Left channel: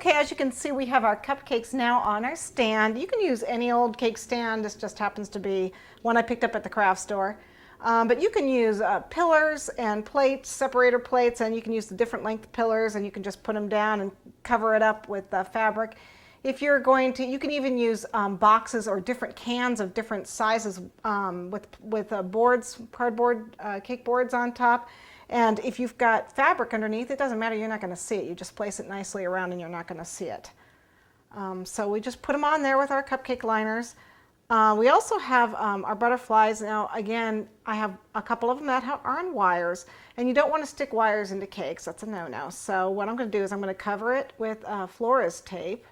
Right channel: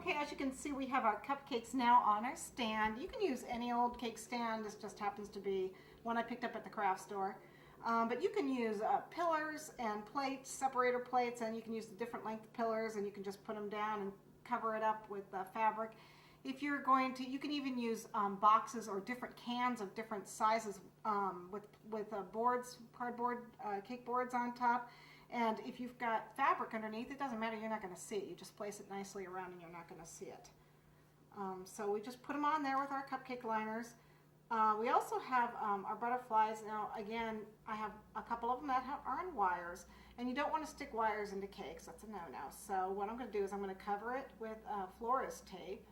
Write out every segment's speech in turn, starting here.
Okay, as you can see, we have our cupcakes now on our stand. You can use any old cake stand. This just happens to be one I picked up at the craft store. But you can use pillars and plates, separator plates, and you can use the different length pillars, and you can just put them down and cover it up with fabric. If you're going to, you can even use boxes or different cans of different sizes with boards, cardboard cake boards on top. And if you've got fabric underneath, it doesn't matter, you're not going to see it. You just place it nicely around and you're not going to see it. So we just put them on there with our cupcake liners. We also have our butterflies. Now again, I have a couple of them that are on wires, and you don't want to stick wires into cakes. That's a no-no. So what I'm going to do is I'm going to cover it with florist tape.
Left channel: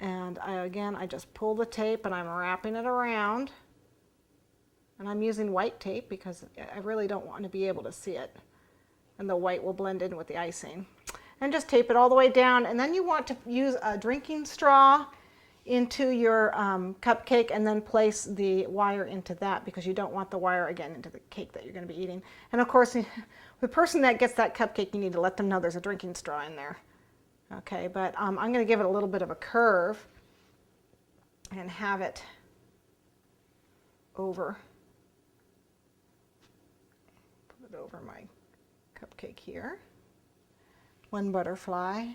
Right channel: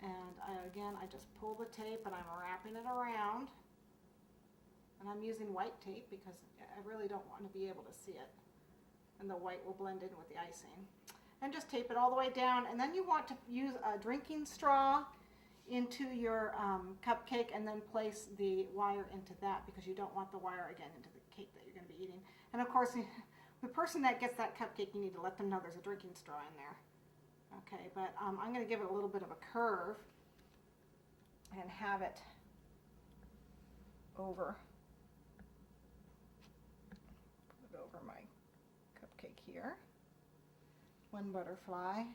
And again, I just pull the tape and I'm wrapping it around. And I'm using white tape because I really don't want to be able to see it. And the white will blend in with the icing. And just tape it all the way down. And then you want to use a drinking straw into your cupcake and then place the wire into that, because you don't want the wire again into the cake that you're going to be eating. And of course, the person that gets that cupcake, you need to let them know there's a drinking straw in there. Okay, but I'm going to give it a little bit of a curve and have it over. Put it over my cupcake here. One butterfly,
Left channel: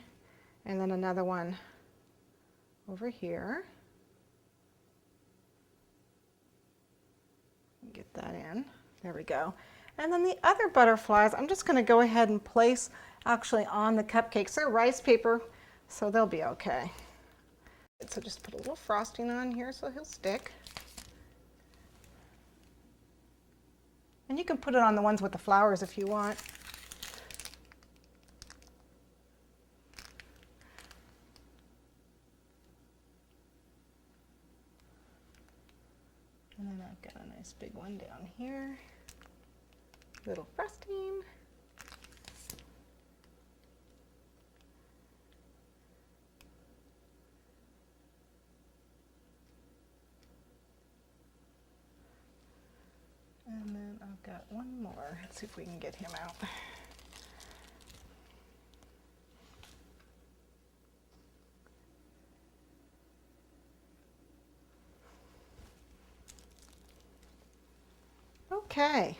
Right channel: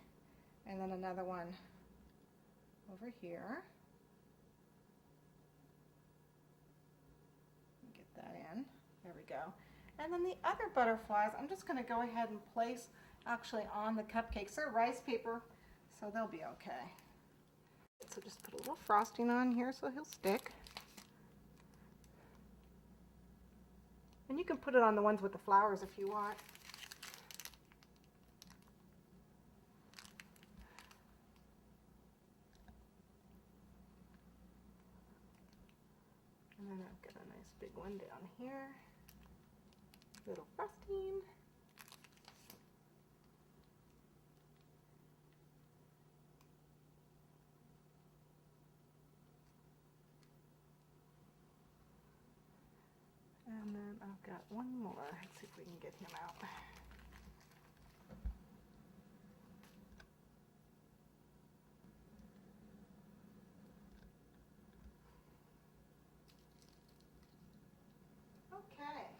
and then another one over here. Get that in. There we go. And then the other butterflies, I'm just going to go ahead and place actually on the cupcakes. They're rice paper, so they'll be okay. So just put a little frosting on here so he'll stick. And you can put it on the ones with the flowers if you want. And then I've got a nice big one down here. Little frosting. And then I've got one more. Let's see if we can get him out. Okay.